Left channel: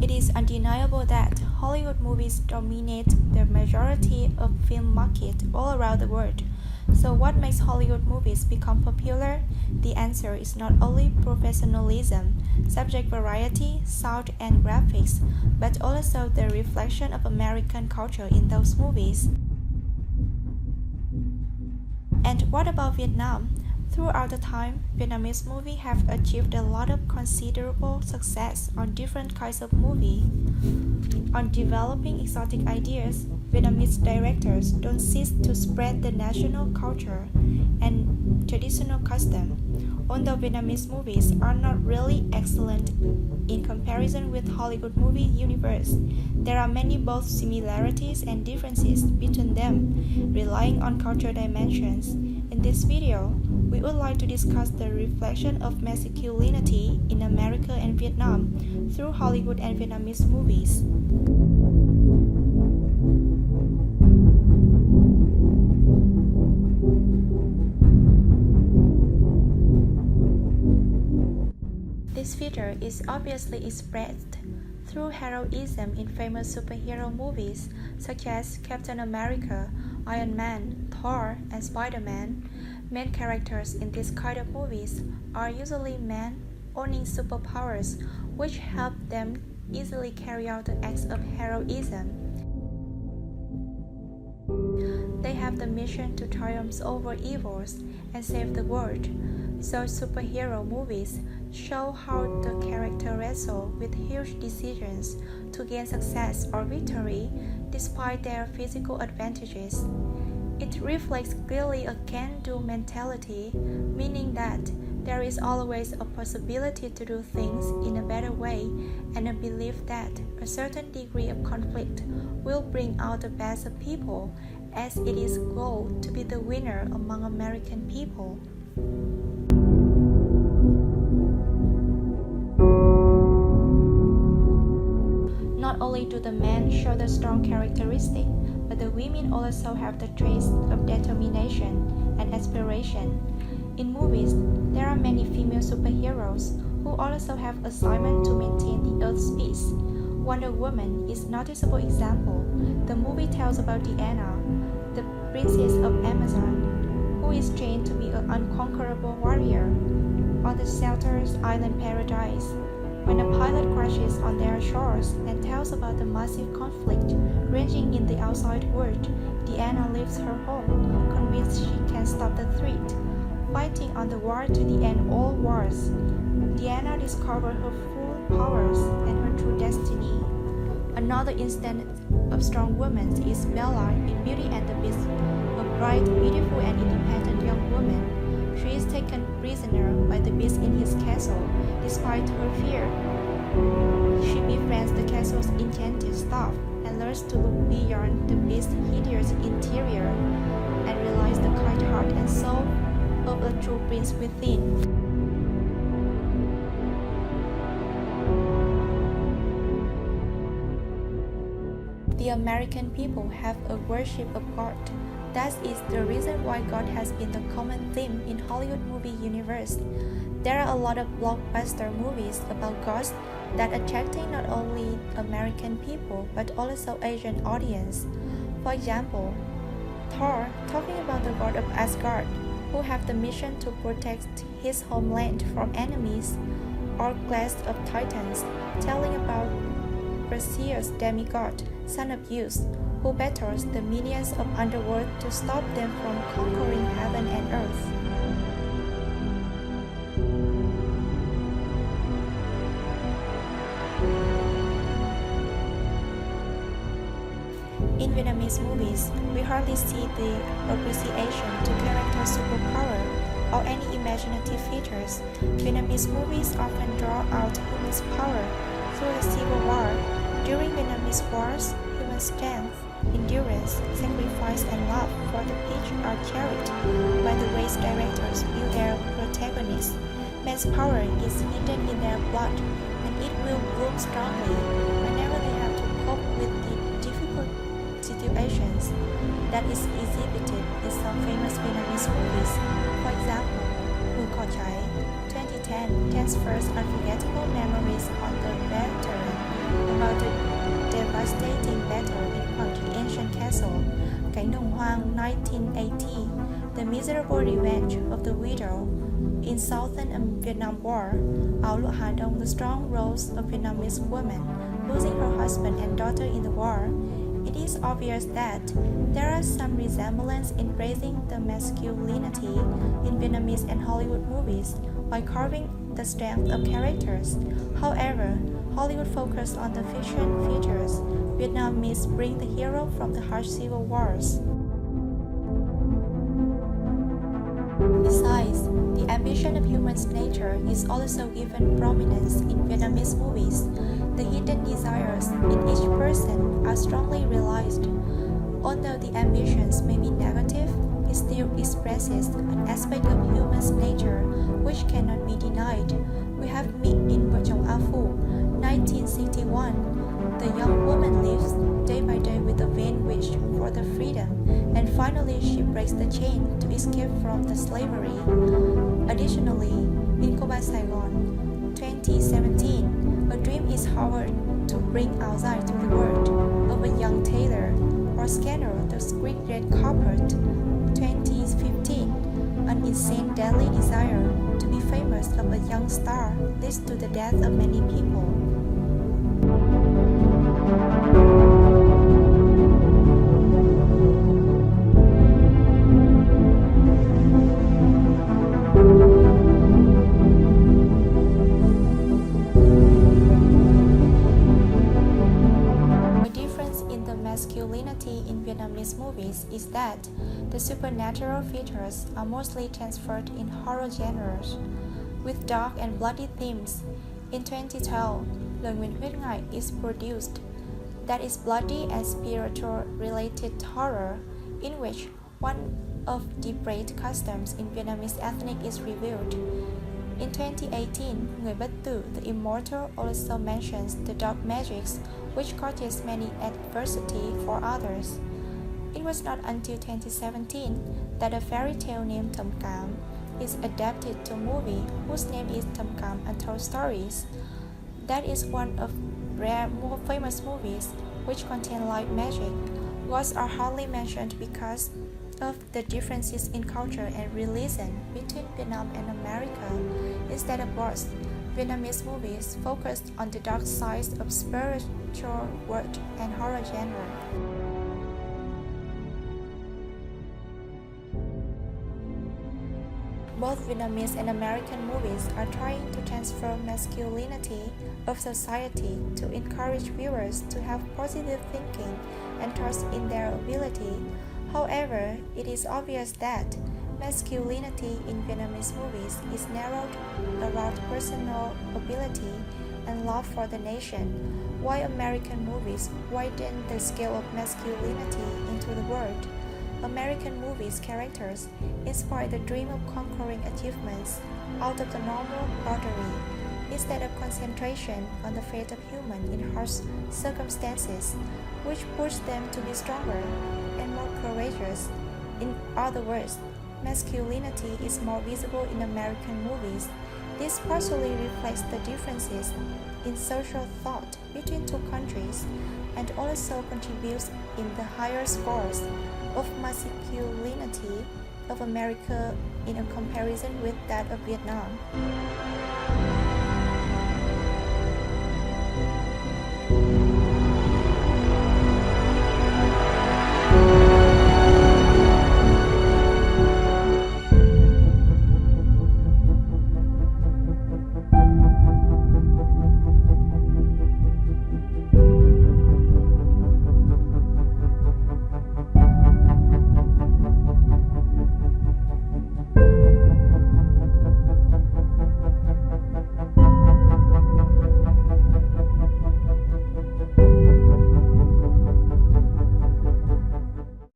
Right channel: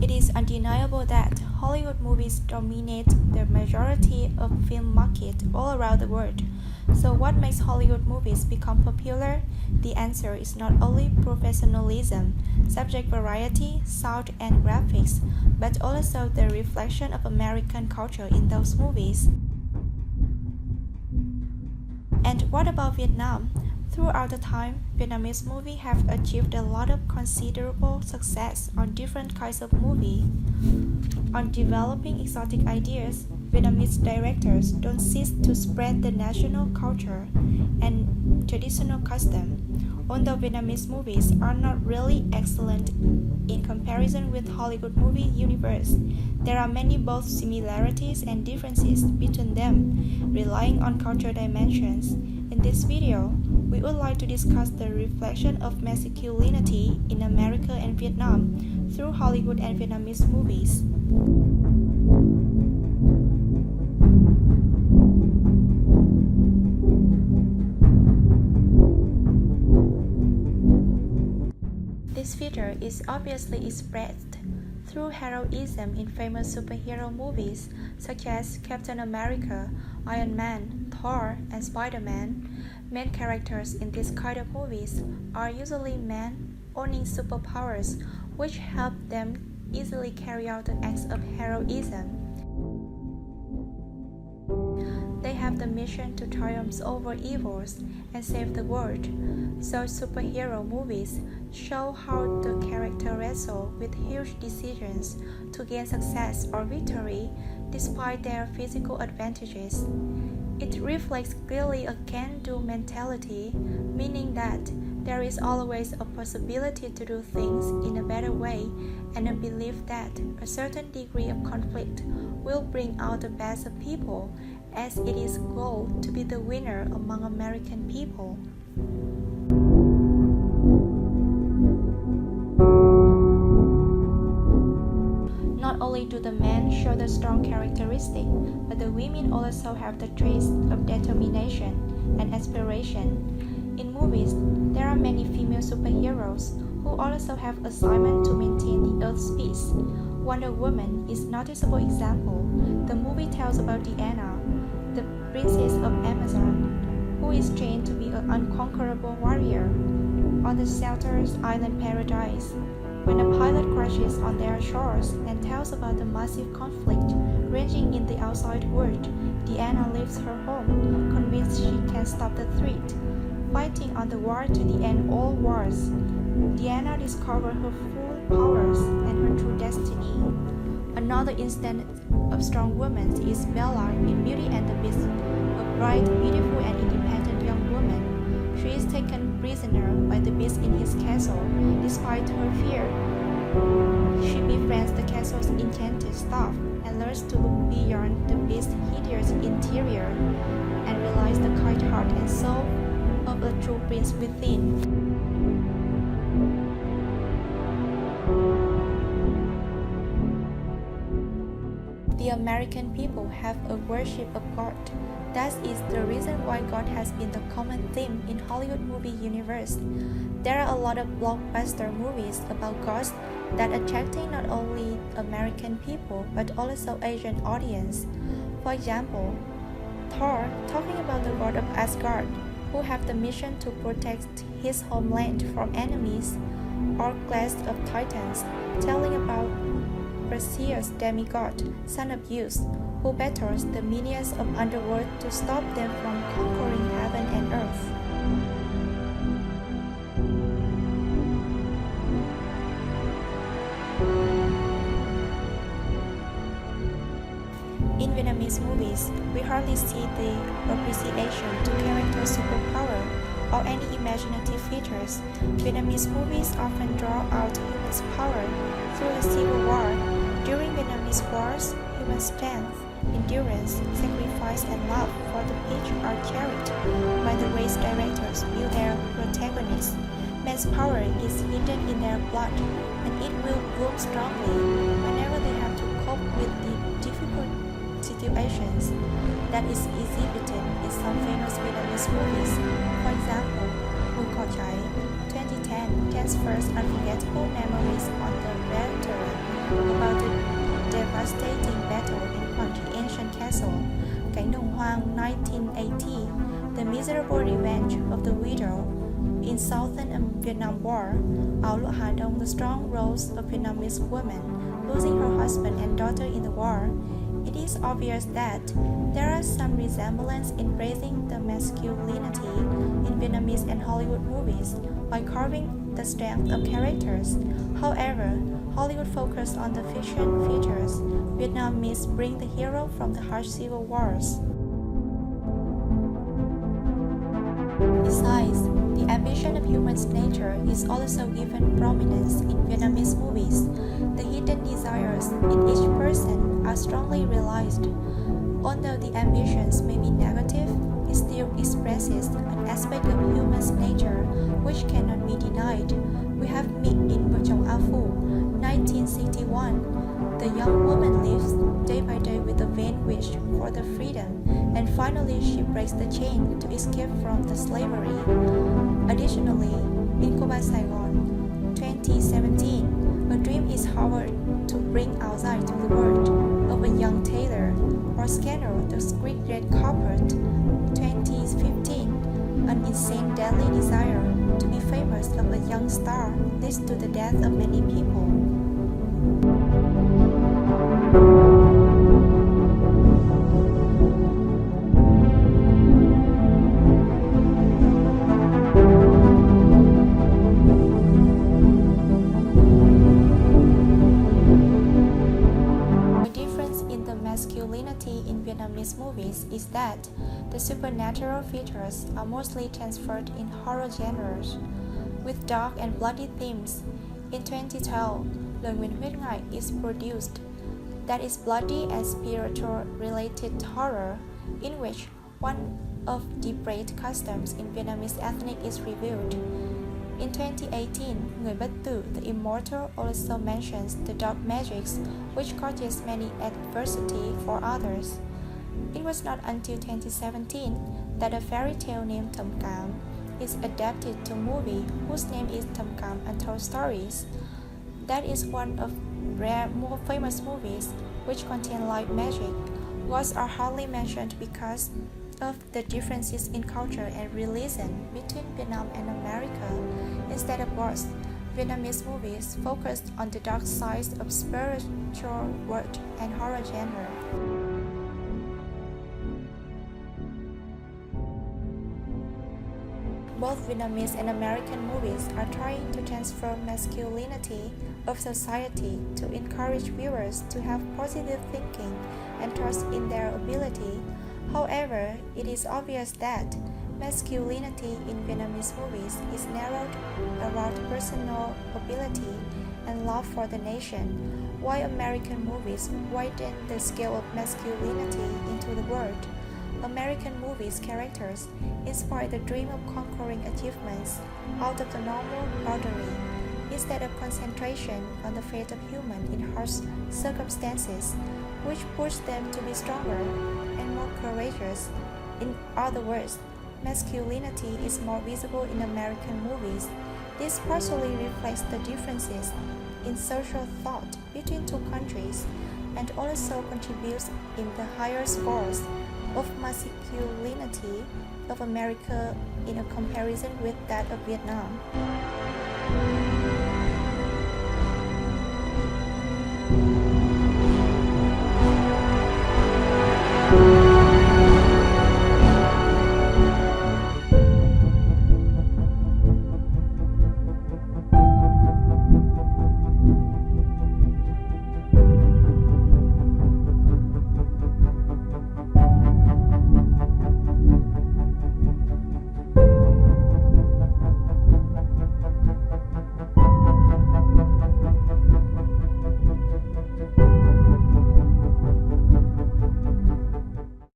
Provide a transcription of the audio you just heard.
It is undeniable that Hollywood movies dominate the majority of film market all around the world. So what makes Hollywood movies become popular? The answer is not only professionalism, subject variety, sound and graphics, but also the reflection of American culture in those movies. And what about Vietnam? Throughout the time, Vietnamese movies have achieved a lot of considerable success on different kinds of movie. On developing exotic ideas, Vietnamese directors don't cease to spread the national culture and traditional custom. Although Vietnamese movies are not really excellent in comparison with Hollywood movie universe, there are many both similarities and differences between them, relying on cultural dimensions. In this video, we would like to discuss the reflection of masculinity in America and Vietnam through Hollywood and Vietnamese movies. This feature is obviously expressed through heroism in famous superhero movies such as Captain America, Iron Man, Thor, and Spider-Man. Main characters in this kind of movies are usually men owning superpowers, which help them easily carry out the acts of heroism. They have the mission to triumph over evils and save the world. So superhero movies show how the character wrestle with huge decisions to gain success or victory despite their physical advantages. It reflects clearly a can-do mentality, meaning that there is always a possibility to do things in a better way and a belief that a certain degree of conflict will bring out the best of people, as it is goal to be the winner among American people. Not only do the men show the strong characteristic, but the women also have the traits of determination and aspiration. In movies, there are many female superheroes who also have assignment to maintain the Earth's peace. Wonder Woman is a noticeable example. The movie tells about Diana, the princess of Amazon, who is trained to be an unconquerable warrior. On the Shelter's island paradise, when a pilot crashes on their shores and tells about the massive conflict raging in the outside world, Diana leaves her home, convinced she can stop the threat, fighting on the war to the end all wars. Diana discovers her full powers and her true destiny. Another instance of strong woman is Bella in Beauty and the Beast, a bright, beautiful, and independent young woman. She is taken prisoner by the Beast in his castle. Despite her fear, she befriends the castle's enchanted staff and learns to look beyond the Beast's hideous interior and realize the kind heart and soul of a true prince within. The American people have a worship of God. That is the reason why God has been the common theme in Hollywood movie universe. There are a lot of blockbuster movies about gods that attracting not only American people but also Asian audience. For example, Thor talking about the god of Asgard, who have the mission to protect his homeland from enemies, or Clash of Titans, telling about Perseus demigod, son of Zeus, who battles the minions of underworld to stop them from conquering heaven and earth. In Vietnamese movies, we hardly see the appreciation to character superpower or any imaginative features. Vietnamese movies often draw out human power through the civil war. During Vietnamese wars, human strength, endurance, sacrifice, and love for the people are cherished by the race directors view their protagonists. Men's power is hidden in their blood, and it will bloom strongly whenever they have to cope with the difficult situations that is exhibited in some famous Vietnamese movies. For example, Mu Co Chai 2010 transfers unforgettable memories on the veteran about the devastating battle in Quang Tri Ancient Castle, Cánh Đồng Hoang 1980, The Miserable Revenge of the Widow in Southern Vietnam War, Áo Lụa Hà Đông, The Strong Roles of Vietnamese Women Losing Her Husband and Daughter in the War, it is obvious that there are some resemblance in raising the masculinity in Vietnamese and Hollywood movies by carving the strength of characters. However, Hollywood focused on the fiction features. Vietnamese bring the hero from the harsh civil wars. Besides, the ambition of human nature is also given prominence in Vietnamese movies. The hidden desires in each person are strongly realized. Although the ambitions may be negative, it still expresses an aspect of human nature which cannot be denied. We have met in Vợ chồng A Phu, 1961. The young woman lives day by day with a vain wish for the freedom, and finally she breaks the chain to escape from the slavery. Additionally, in Cô Ba Sài Gòn, 2017, a dream is however to bring outside to the world of a young tailor, or scanner the street red carpet. 2015, an insane deadly desire to be famous of a young star leads to the death of many people. Masculinity in Vietnamese movies is that the supernatural features are mostly transferred in horror genres, with dark and bloody themes. In 2012, Lời Nguyền Huyết Ngại is produced, that is bloody and spiritual-related horror, in which one of depraved customs in Vietnamese ethnic is revealed. In 2018, Người Bất Tử, the Immortal, also mentions the dark magics which causes many adversity for others. It was not until 2017 that a fairy tale named Thầm Cảm is adapted to a movie whose name is Thầm Cảm Untold Stories. That is one of rare, more famous movies which contain light magic. Gods are hardly mentioned because of the differences in culture and religion between Vietnam and America. Instead of gods, Vietnamese movies focused on the dark sides of spiritual world and horror genre. Both Vietnamese and American movies are trying to transfer masculinity of society to encourage viewers to have positive thinking and trust in their ability. However, it is obvious that masculinity in Vietnamese movies is narrowed around personal ability and love for the nation, while American movies widen the scale of masculinity into the world. American movies' characters inspire the dream of conquering achievements out of the normal ordinary, instead of concentration on the fate of humans in harsh circumstances, which push them to be stronger and more courageous. In other words, masculinity is more visible in American movies. This partially reflects the differences in social thought between two countries and also contributes in the higher scores of masculinity of America in a comparison with that of Vietnam.